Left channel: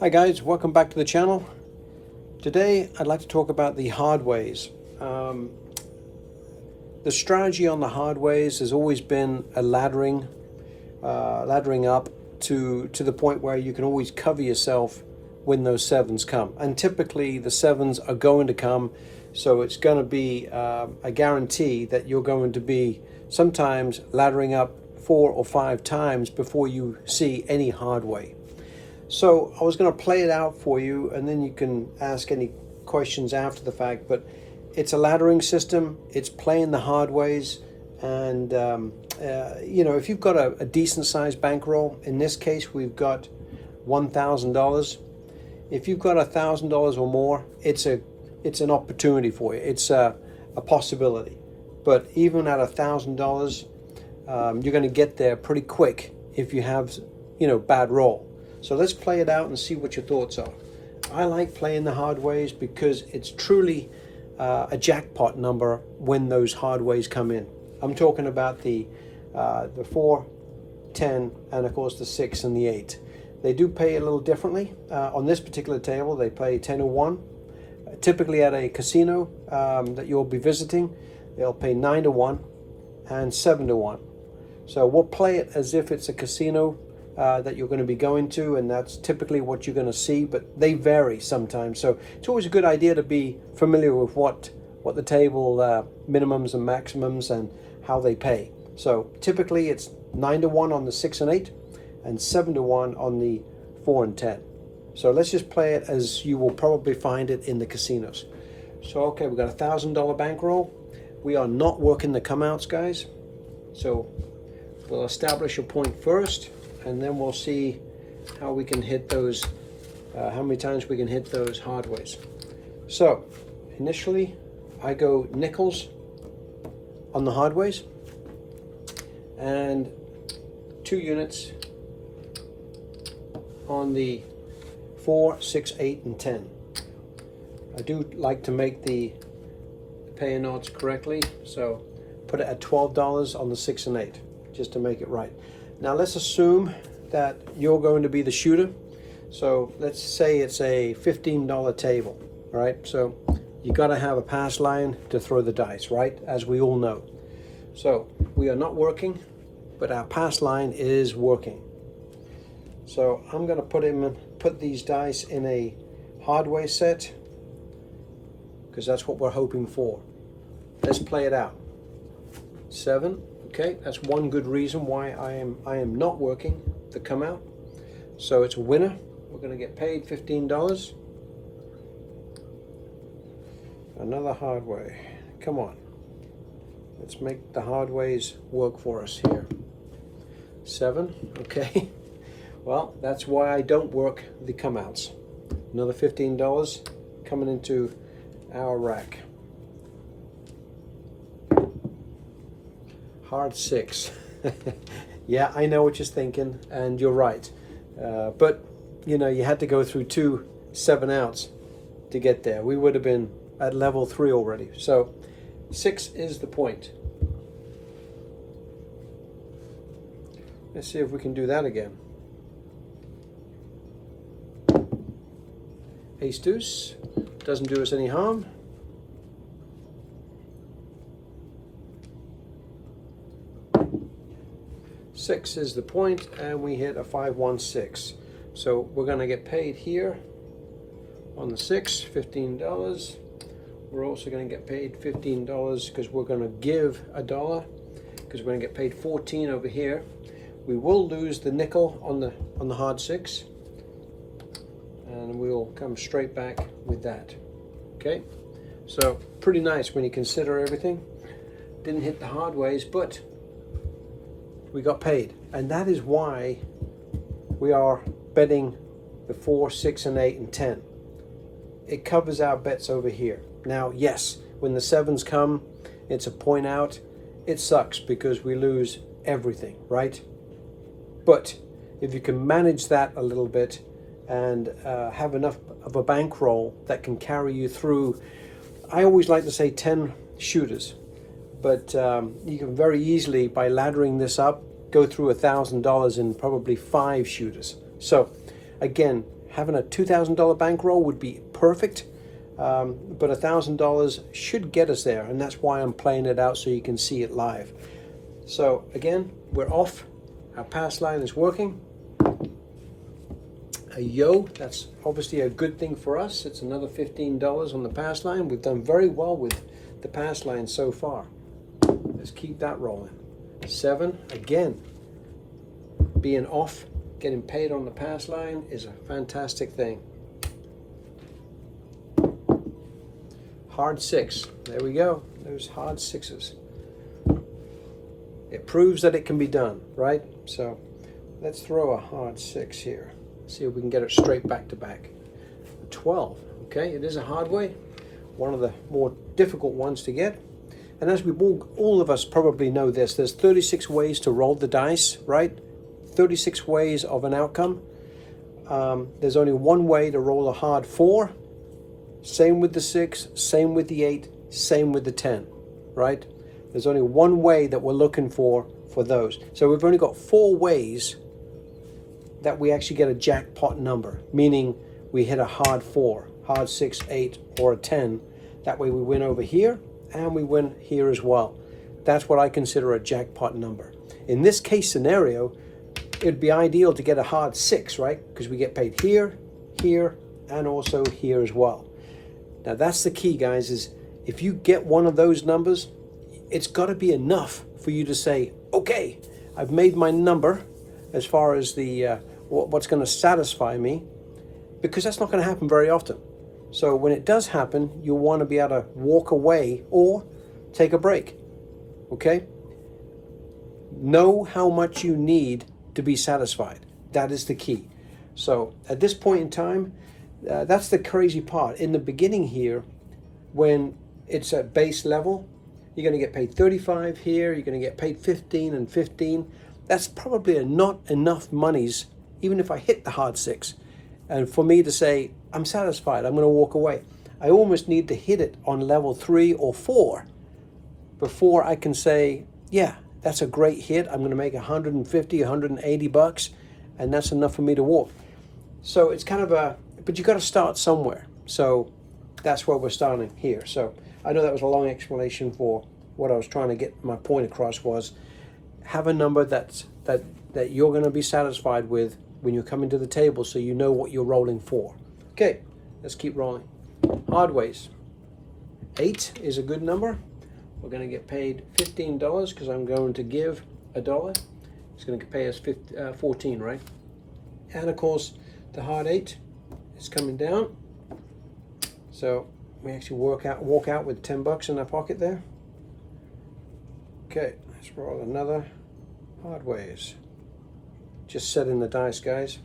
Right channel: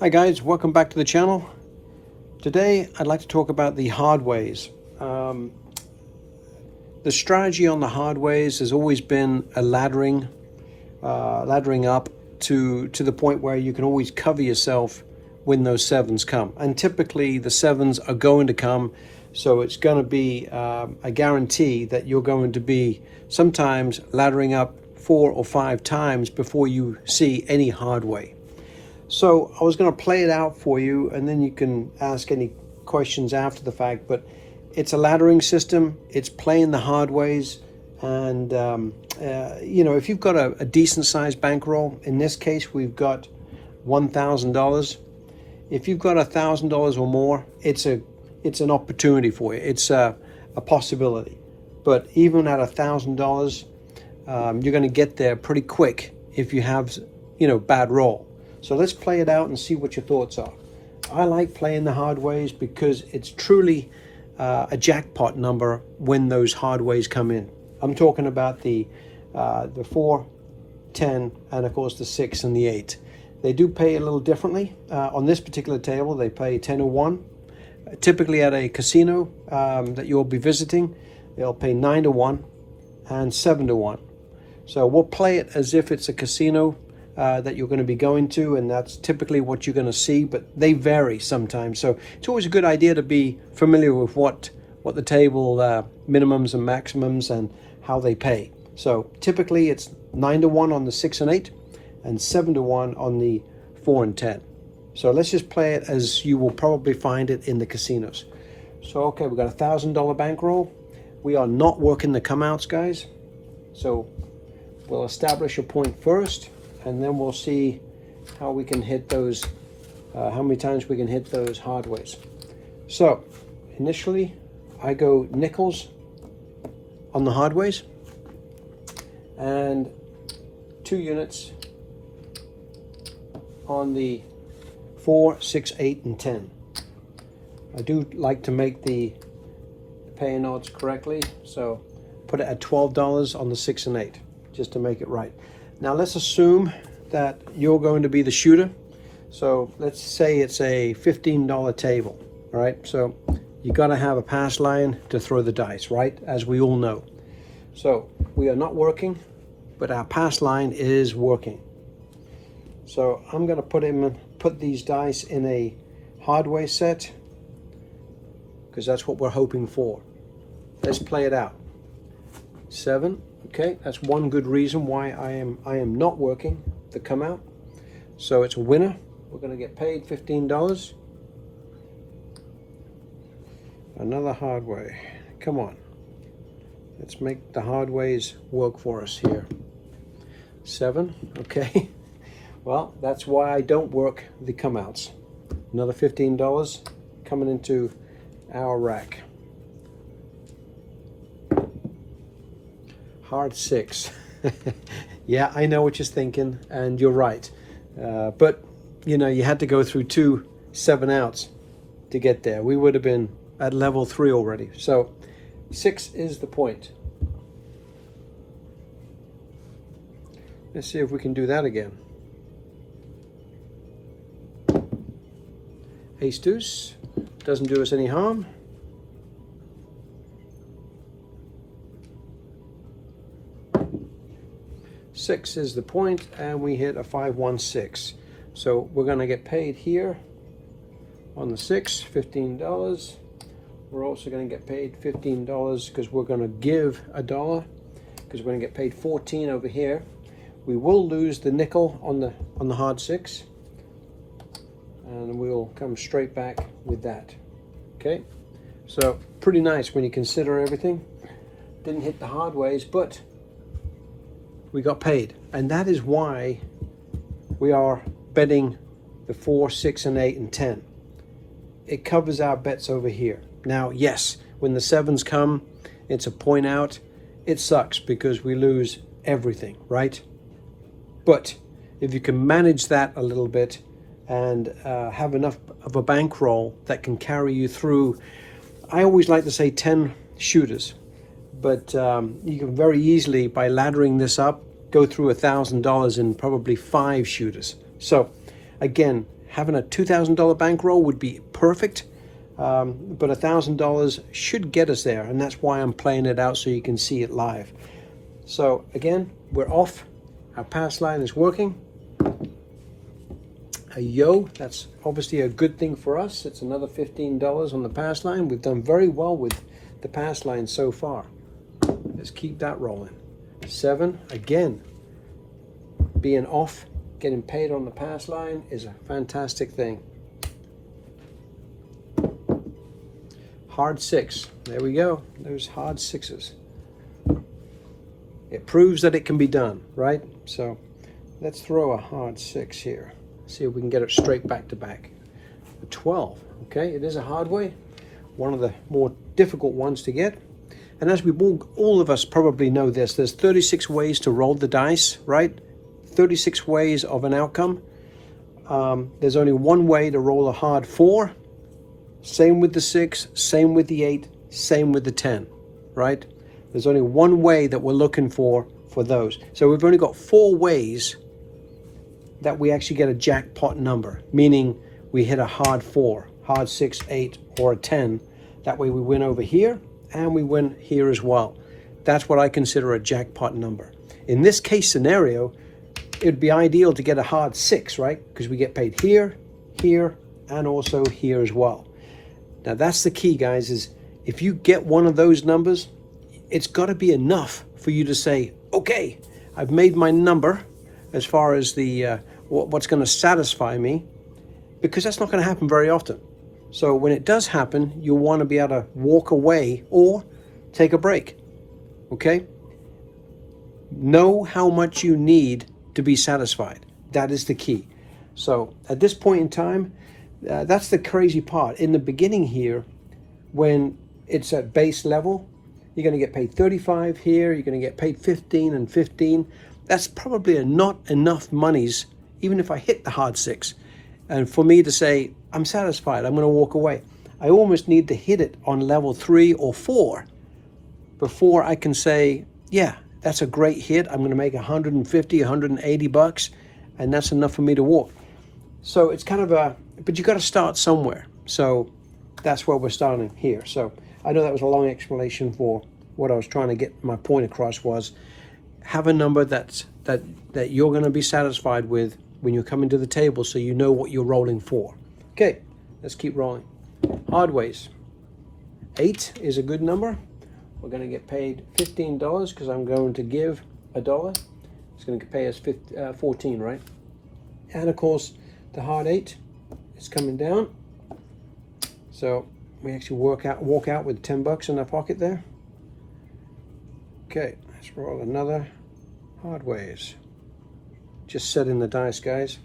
Hi guys, welcome back to the channel. Today I'd like to talk about the Hardways. The strategy on the Hardways has always been a laddering up to the point where you can always cover yourself when those sevens come. And typically the sevens are going to come, so it's going to be a guarantee that you're going to be sometimes laddering up 4 or 5 times before you see any Hardway. So I was going to play it out for you, and then you can ask any questions after the fact. But it's a laddering system. It's playing the Hardways, and if you've got a decent sized bankroll, in this case we've got $1,000. If you've got $1,000 or more, it's an opportunity for you. It's a possibility. But even at $1,000, you're going to get there pretty quick if you have bad roll. So let's play it out and see what your thoughts are. I like playing the Hardways because it's truly a jackpot number when those Hardways come in. I'm talking about the 4, 10, and of course the 6 and the 8. They do pay a little differently. On this particular table, they pay 10 to 1. Typically at a casino that you'll be visiting, they'll pay 9 to 1 and 7 to 1. So we'll play it as if it's a casino that you're going to be going to, and that's typically what you're going to see, but they vary sometimes. So it's always a good idea to be familiar with what the table minimums and maximums and how they pay. So typically it's 9 to 1 on the 6 and 8 and 7 to 1 on the 4 and 10. So let's just play it as you will probably find it in the casinos. So okay, we've got $1,000 bankroll. We are not working the come outs, guys. So we'll establish a point first, and then we'll see how we can hit those, how many times we can hit those Hardways. So initially I go nickels on the Hardways and 2 units on the 4, 6, 8, and 10. I do like to make the payouts correctly, so put it at $12 on the 6 and 8 just to make it right. Now let's assume that you're going to be the shooter. So let's say it's a $15 table, all right? So you got to have a pass line to throw the dice, right? As we all know. So we are not working, but our pass line is working. So I'm going to put these dice in a Hardway set because that's what we're hoping for. Let's play it out. 7. Okay, that's one good reason why I am not working the come out. So it's a winner. We're going to get paid $15. Another Hardway. Come on. Let's make the Hardways work for us here. 7. Okay. Well, that's why I don't work the come outs. Another $15 coming into our rack. Hard 6. Yeah, I know what you're thinking, and you're right. But you had to go through 2 7 outs to get there. We would have been at level 3 already. So 6 is the point. Let's see if we can do that again. Ace deuce doesn't do us any harm. Six is the point, and we hit a 5-1-6. So we're going to get paid here on the 6, $15. We're also going to get paid $15 because we're going to give $1 because we're going to get paid 14 over here. We will lose the nickel on the hard 6, and we'll come straight back with that. Okay, so pretty nice when you consider everything. Didn't hit the Hardways, but we got paid, and that is why we are betting the 4, 6, and 8, and 10. It covers our bets over here. Now, yes, when the 7s come, it's a point out. It sucks because we lose everything, right? But if you can manage that a little bit and have enough of a bankroll that can carry you through, I always like to say 10 shooters. But you can very easily, by laddering this up, go through $1,000 in probably 5 shooters. So again, having a $2,000 bankroll would be perfect, but $1,000 should get us there, and that's why I'm playing it out so you can see it live. So again, we're off. Our pass line is working. A yo, that's obviously a good thing for us. It's another $15 on the pass line. We've done very well with the pass line so far. Let's keep that rolling. 7, again, being off, getting paid on the pass line is a fantastic thing. Hard 6, there we go. There's hard 6s. It proves that it can be done, right? So let's throw a hard 6 here. See if we can get it straight back to back. 12, okay, it is a hard way, one of the more difficult ones to get. And as we all of us probably know this, there's 36 ways to roll the dice, right? 36 ways of an outcome. There's only one way to roll a hard 4. Same with the 6, same with the 8, same with the 10, right? There's only one way that we're looking for those. So we've only got 4 ways that we actually get a jackpot number, meaning we hit a hard 4, hard 6, 8, or a 10. That way we win over here and we win here as well. That's what I consider a jackpot number. In this case scenario, it'd be ideal to get a hard 6, right? Because we get paid here, here, and also here as well. Now that's the key, guys, is if you get one of those numbers, it's got to be enough for you to say, okay, I've made my number as far as the what's going to satisfy me, because that's not going to happen very often. So when it does happen, you want to be able to walk away or take a break. Okay? Know how much you need to be satisfied. That is the key. So at this point in time, that's the crazy part. In the beginning here, when it's at base level, you're going to get paid 35 here, you're going to get paid 15 and 15. That's probably not enough monies, even if I hit the hard 6. And for me to say, I'm satisfied, I'm going to walk away. I almost need to hit it on level 3 or 4 before I can say, yeah, that's a great hit. I'm going to make 150, 180 bucks, and that's enough for me to walk. So it's kind of but you got to start somewhere. So that's where we're starting here. So I know that was a long explanation for what I was trying to get my point across was, have a number that you're going to be satisfied with when you're coming to the table, so you know what you're rolling for. Okay, let's keep rolling. Hardways. 8 is a good number. We're going to get paid $15 because I'm going to give $1. It's going to pay us 14, right? And of course, the hard 8 is coming down. So we actually walk out with 10 bucks in our pocket there. Okay, let's roll another Hardways. Just setting the dice, guys.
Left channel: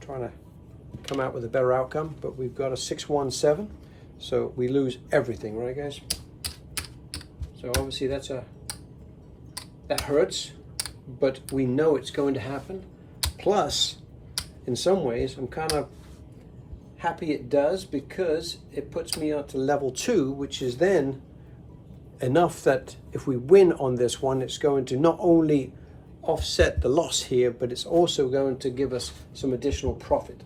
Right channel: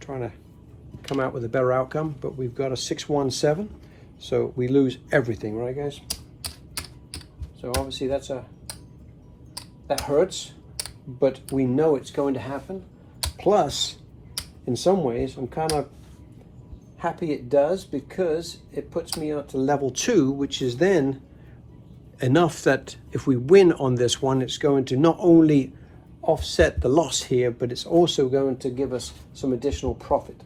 Trying to come out with a better outcome, but we've got a 617, so we lose everything, right, guys? So obviously that hurts, but we know it's going to happen. Plus, in some ways, I'm kind of happy it does, because it puts me up to level 2, which is then enough that if we win on this one, it's going to not only offset the loss here, but it's also going to give us some additional profit.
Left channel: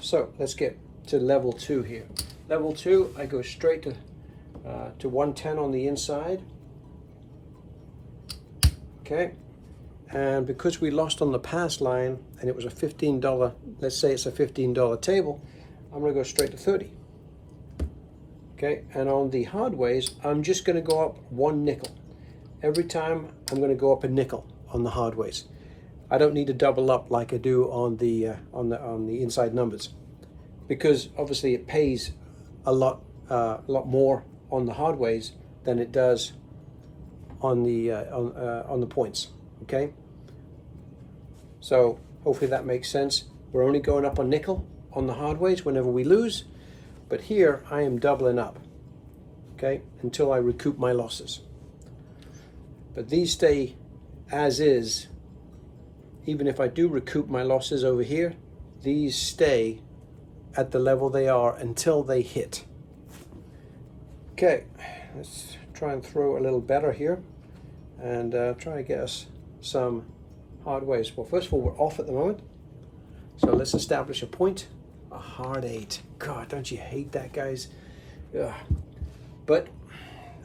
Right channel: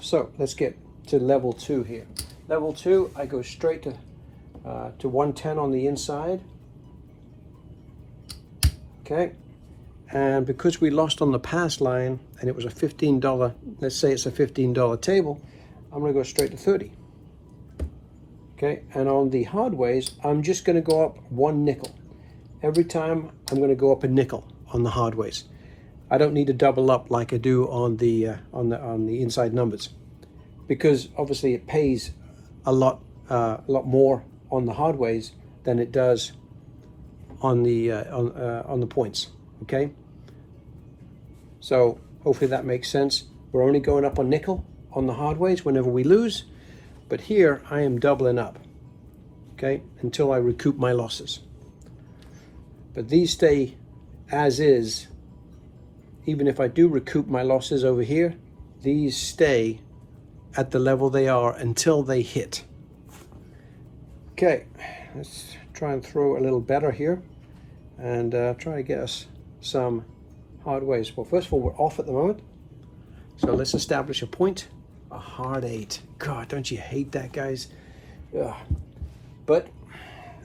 So let's get to level 2 here. Level 2, I go straight to 110 on the inside. Okay, and because we lost on the pass line and it was a $15, let's say it's a $15 table, I'm going to go straight to 30. Okay, and on the Hardways, I'm just going to go up 1 nickel. Every time I'm going to go up a nickel on the Hardways. I don't need to double up like I do on the inside numbers, because obviously it pays a lot more on the Hardways than it does on the points. Okay, so hopefully that makes sense. We're only going up a nickel on the Hardways whenever we lose, but here I am doubling up, okay, until I recoup my losses. But these stay as is. Even if I do recoup my losses over here, these stay at the level they are until they hit. Okay, let's try and throw a little better here and try to get us some Hardways. Well, first of all, we're off at the moment. So let's establish a point. A hard 8. God, don't you hate that, guys? Ugh. But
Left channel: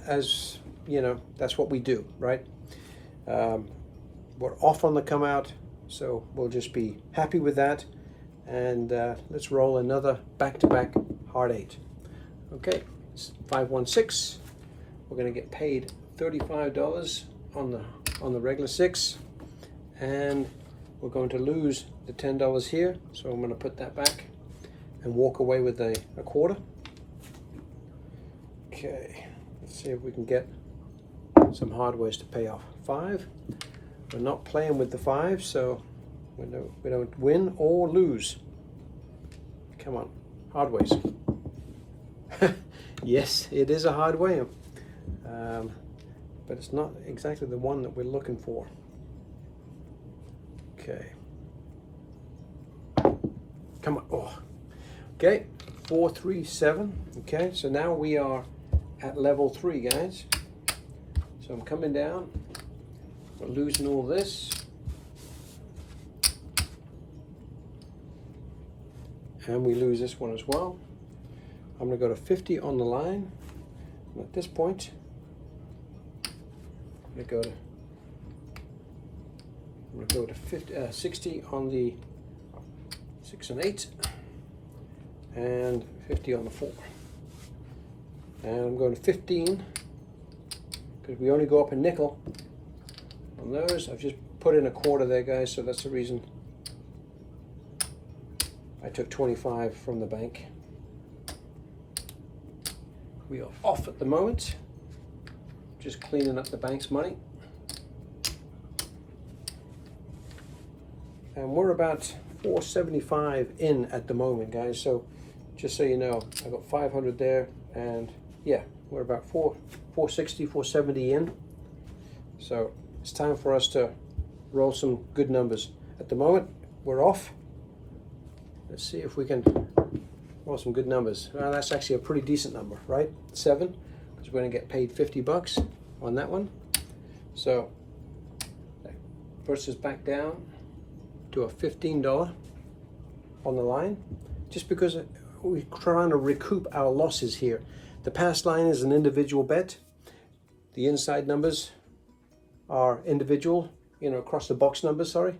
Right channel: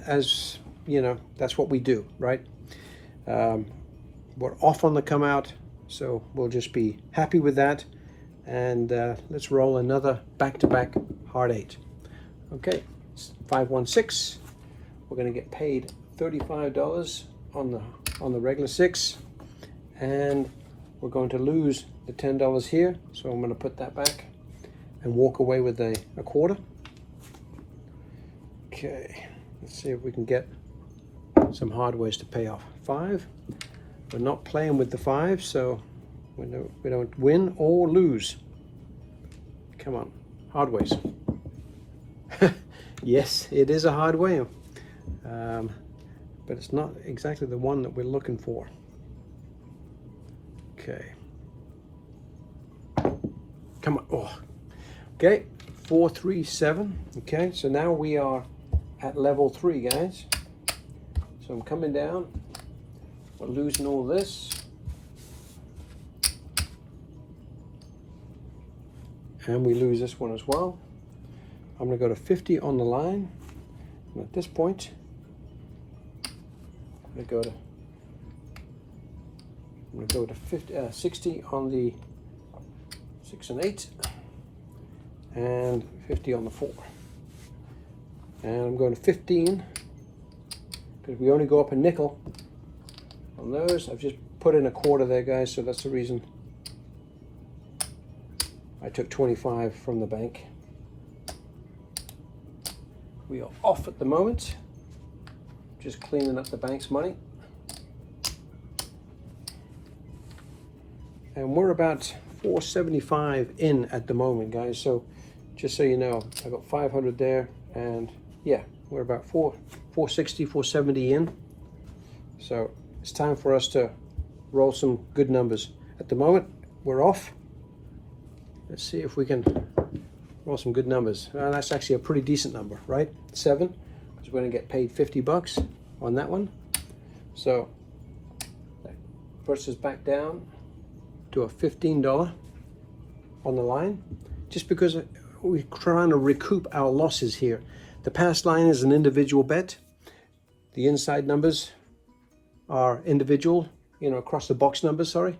as you know, that's what we do, right? We're off on the come out, so we'll just be happy with that. And let's roll another back-to-back hard 8. Okay, 516. We're going to get paid $35 on the regular 6, and we're going to lose the $10 here. So I'm going to put that back and walk away with a quarter. Okay, let's see if we can get some Hardways to pay off. 5. We're not playing with the 5, so we don't win or lose. Come on, Hardways. Yes, it is a Hardway, but it's not exactly the one that we're looking for. Okay. Come on. Oh. Okay, 437. Okay, so now we are at level 3, guys. So I'm coming down. We're losing all this. And we lose this one as well. I'm going to go to 50 on the line. And at this point, I'm going to go to 60 on the 6 and 8, and 50 on the 4. And I'm going to 15 because we only go up a nickel on those. I've just put in a quarter there, guys, so that's the reason I took 25 from the bank. We are off at the moment, just cleaning up the bank's money. And we're about 475 in at the moment, guys. So just so you know, I got 500 there, and yeah, we're about 460, 470 in. So it's time for us to roll some good numbers. At the moment, we're off. Let's see if we can roll some good numbers. Well, that's actually a pretty decent number, right? 7, because we're going to get paid 50 bucks on that one. So that puts us back down to a $15 on the line, just because we're trying to recoup our losses here. The pass line is an individual bet. The inside numbers are individual, you know, across the box numbers, sorry,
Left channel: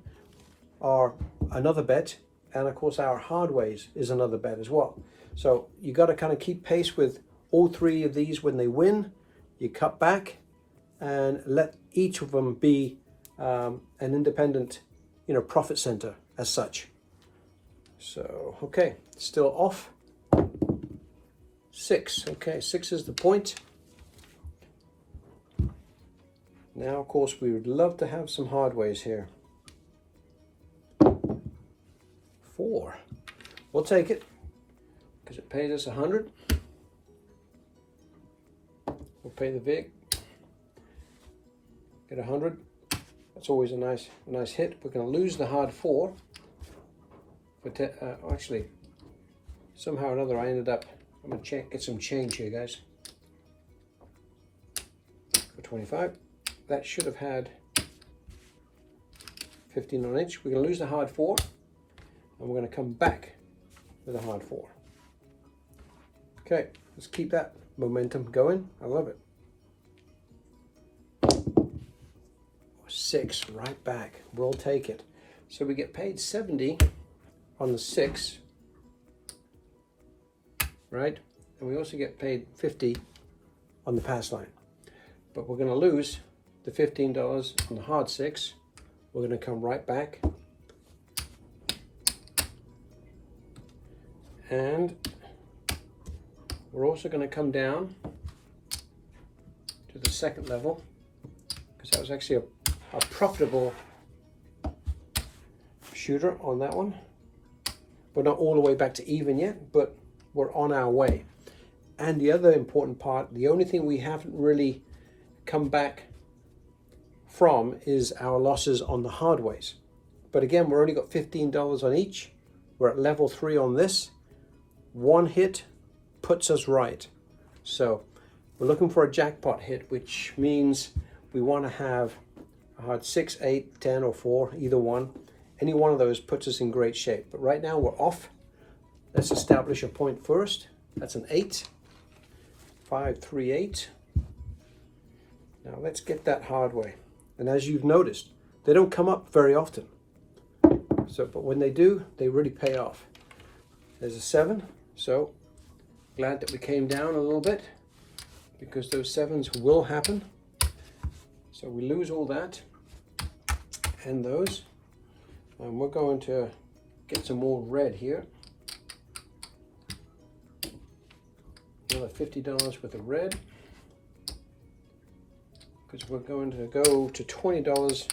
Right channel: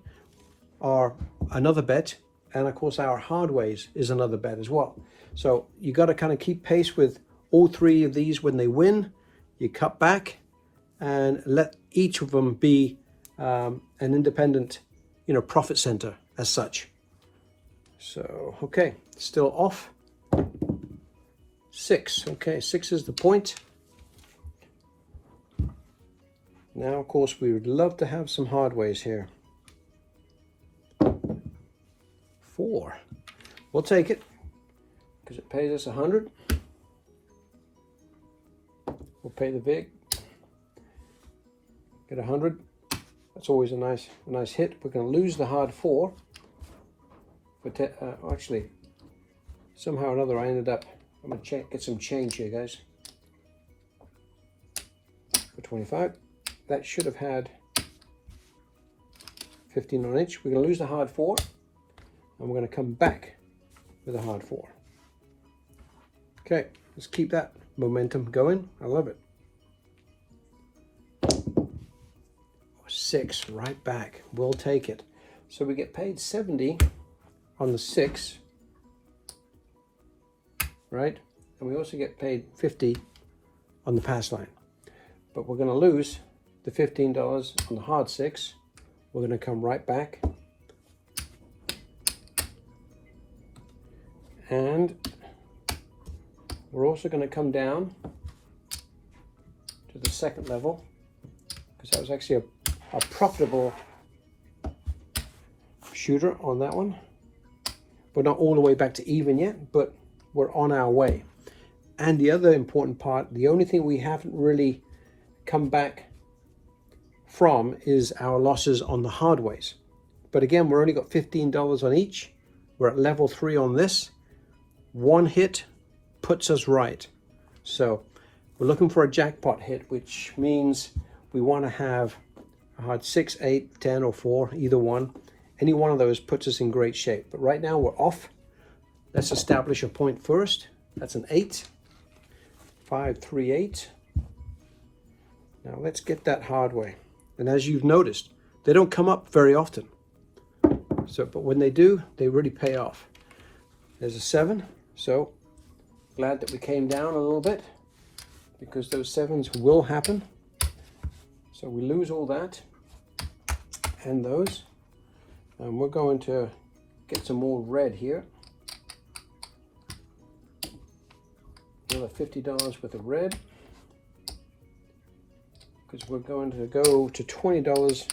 are another bet. And of course our Hardways is another bet as well. So you got to kind of keep pace with all 3 of these. When they win, you cut back and let each of them be an independent, you know, profit center as such. So, okay, still off. 6, okay, 6 is the point. Now, of course, we would love to have some Hardways here. 4, we'll take it because it pays us 100. We'll pay the vig, get 100. That's always a nice hit. We're going to lose the hard 4, but actually, somehow or another, I ended up. I'm going to get some change here, guys. For 25, that should have had 15 on each. We're going to lose the hard 4, and we're going to come back with a hard 4. Okay, let's keep that momentum going. I love it. 6, right back. We'll take it. So we get paid 70 on the 6, right? And we also get paid 50 on the pass line. But we're going to lose the $15 on the hard 6. We're going to come right back. And we're also going to come down to the second level, because that was actually a profitable shooter on that one. We're not all the way back to even yet, but we're on our way. And the other important part, the only thing we haven't really come back from is our losses on the Hardways. But again, we're only got $15 on each. We're at level 3 on this. One hit puts us right. So we're looking for a jackpot hit, which means we want to have a hard 6, 8, 10, or 4, either one, Any one of those puts us in great shape. But right now we're off. Let's establish a point first. That's an 8. 5, 3, 8. Now let's get that hard way. And as you've noticed, they don't come up very often. So, but when they do, they really pay off. There's a 7. So glad that we came down a little bit, because those 7s will happen. So we lose all that and those. And we're going to get some more red here. Another $50 worth of red, because we're going to go to $20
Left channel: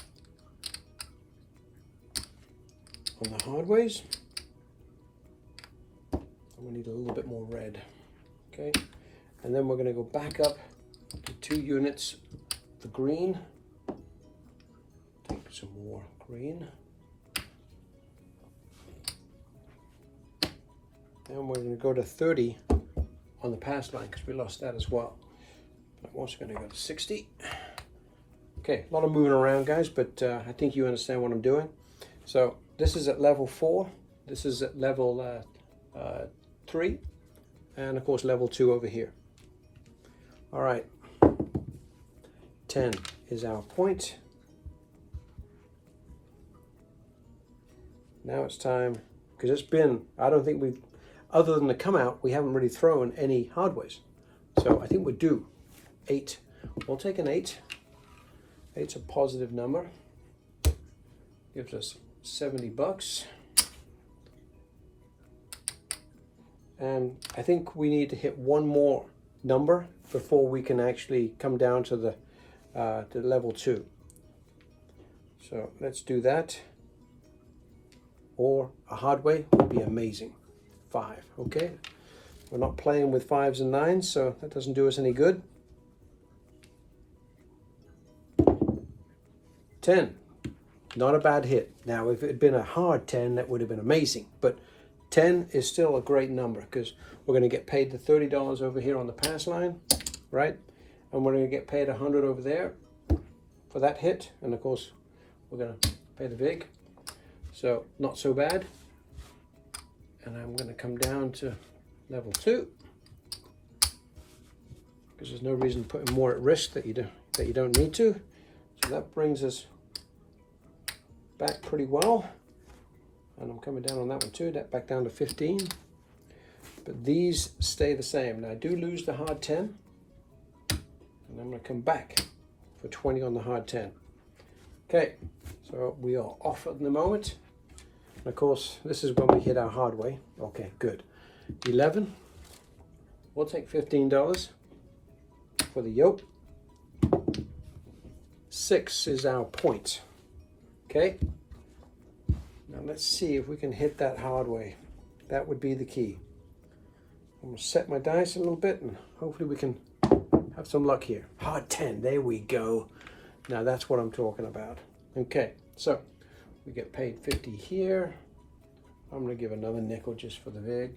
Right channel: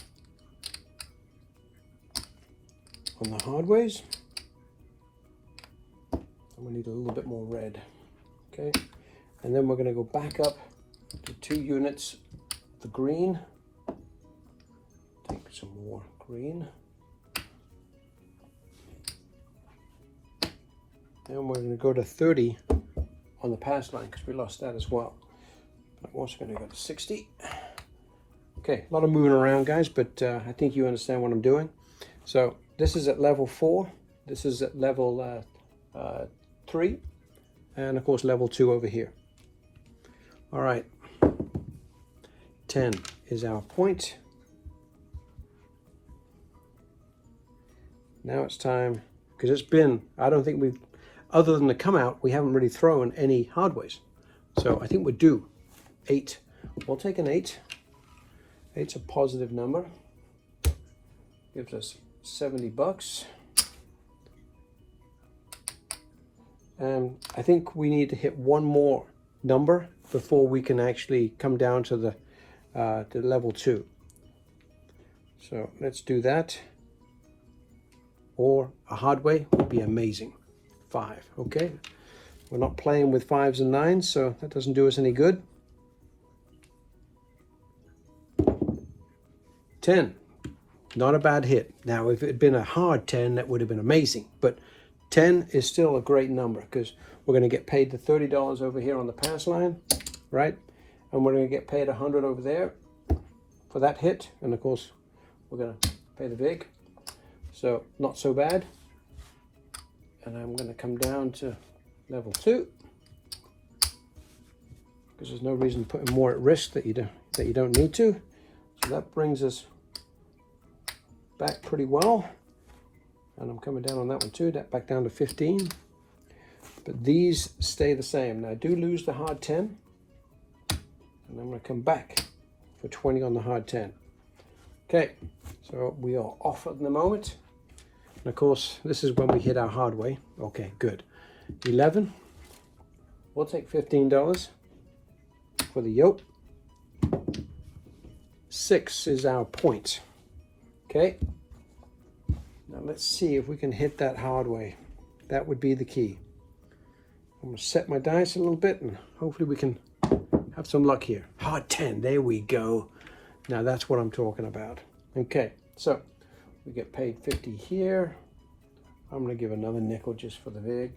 on the Hardways. And we need a little bit more red. Okay, and then we're going to go back up to 2 units the green. Take some more green. And we're going to go to 30 on the pass line, because we lost that as well. I'm also going to go to 60. Okay, a lot of moving around, guys, but I think you understand what I'm doing. So this is at level 4. This is at level 3. And of course level 2 over here. All right. 10 is our point. Now it's time, because it's been, I don't think we've, other than the come out, we haven't really thrown any Hardways. So I think we're due. 8. We'll take an 8. 8's a positive number. Gives us $70. And I think we need to hit one more number before we can actually come down to the level 2. So let's do that. Or a Hardway would be amazing. 5, okay? We're not playing with 5s and 9s, so that doesn't do us any good. 10, not a bad hit. Now, if it had been a hard 10, that would have been amazing. But 10 is still a great number, because we're going to get paid the $30 over here on the pass line, right? And we're going to get paid 100 over there for that hit. And of course, we're going to pay the vig. So not so bad. And I'm going to come down to level 2, because there's no reason putting more at risk that you don't need to. So that brings us back pretty well. And I'm coming down on that one too, that back down to 15. But these stay the same. Now I do lose the hard 10, and I'm going to come back for 20 on the hard 10. Okay, so we are off at the moment. And of course, this is when we hit our Hardway. Okay, good. 11. We'll take $15 for the yoke. 6 is our point. Okay. Now let's see if we can hit that Hardway. That would be the key. I'm going to set my dice a little bit, and hopefully we can have some luck here. Hard 10. There we go. Now that's what I'm talking about. Okay, so we get paid 50 here. I'm going to give another nickel just for the vig.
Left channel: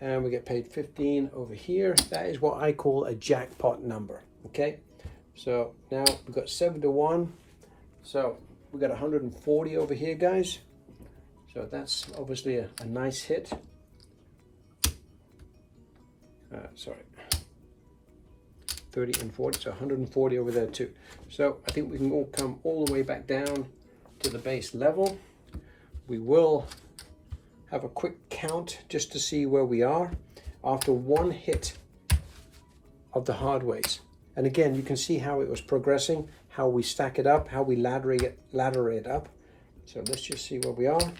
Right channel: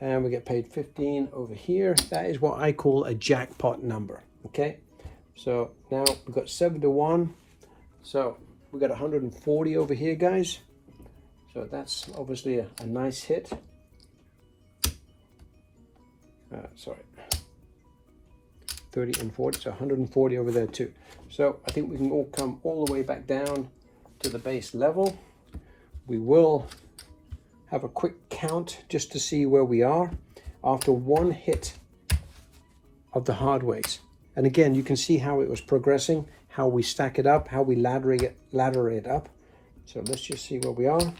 And we get paid 15 over here. That is what I call a jackpot number. Okay, so now we've got 7 to 1. So we got 140 over here, guys. So that's obviously a nice hit. Sorry, 30 and 40, so 140 over there too. So I think we can all come all the way back down to the base level. We will have a quick count just to see where we are after one hit of the Hardways. And again, you can see how it was progressing, how we stack it up, how we ladder it up. So let's just see where we are,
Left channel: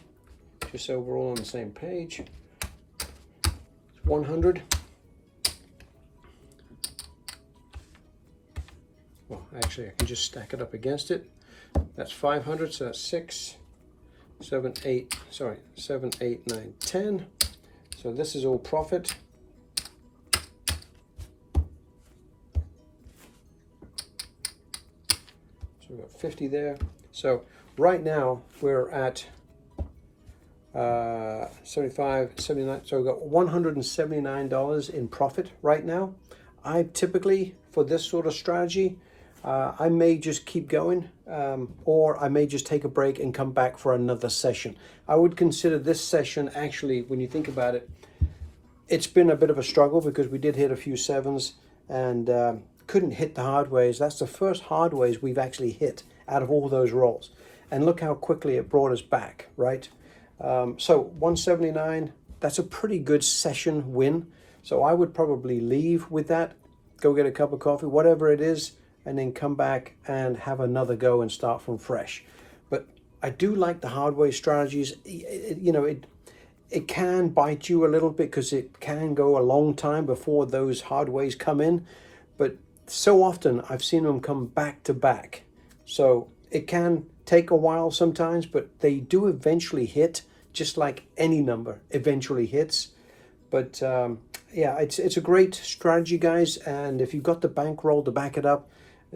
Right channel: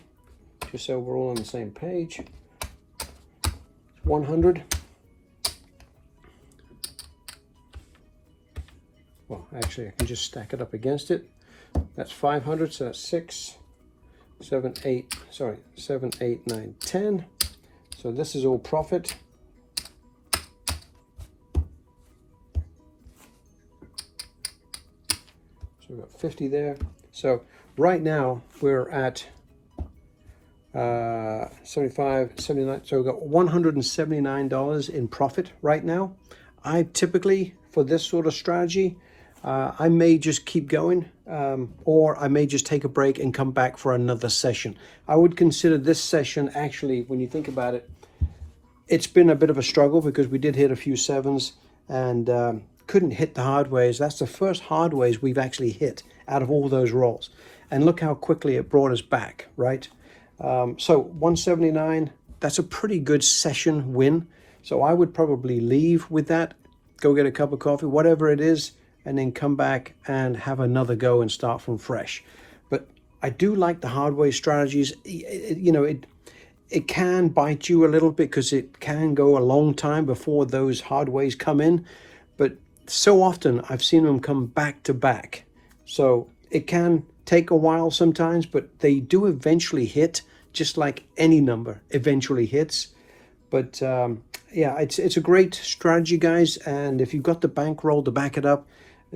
just so we're all on the same page. It's 100. Well, actually, I can just stack it up against it. That's 500, so that's 6, 7, 8, sorry, 7, 8, 9, 10. So this is all profit. So we've got 50 there. So right now we're at 75, 79. So we've got $179 in profit right now. I typically, for this sort of strategy, I may just keep going, or I may just take a break and come back for another session. I would consider this session, actually, when you think about it, it's been a bit of a struggle because we did hit a few sevens and couldn't hit the hardways. That's the first hardways we've actually hit out of all those rolls. And look how quickly it brought us back, right? So 179, that's a pretty good session win. So I would probably leave with that, go get a cup of coffee, whatever it is, and then come back and have another go and start from fresh. But I do like the hardway strategies. It can bite you a little bit because it can go a long time before those hardways come in. But so often I've seen them come back to back. So it can take a while sometimes, but they do eventually hit, just like any number eventually hits. But yeah, it's a great strategy, guys. And if you've got the bankroll to back it up,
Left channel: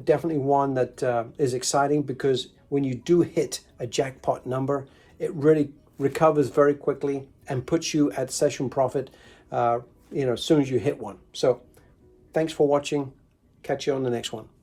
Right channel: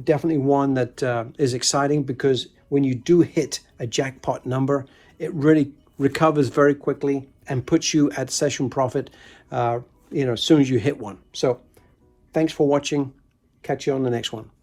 definitely one that is exciting, because when you do hit a jackpot number, it really recovers very quickly and puts you at session profit, as soon as you hit one. So thanks for watching. Catch you on the next one.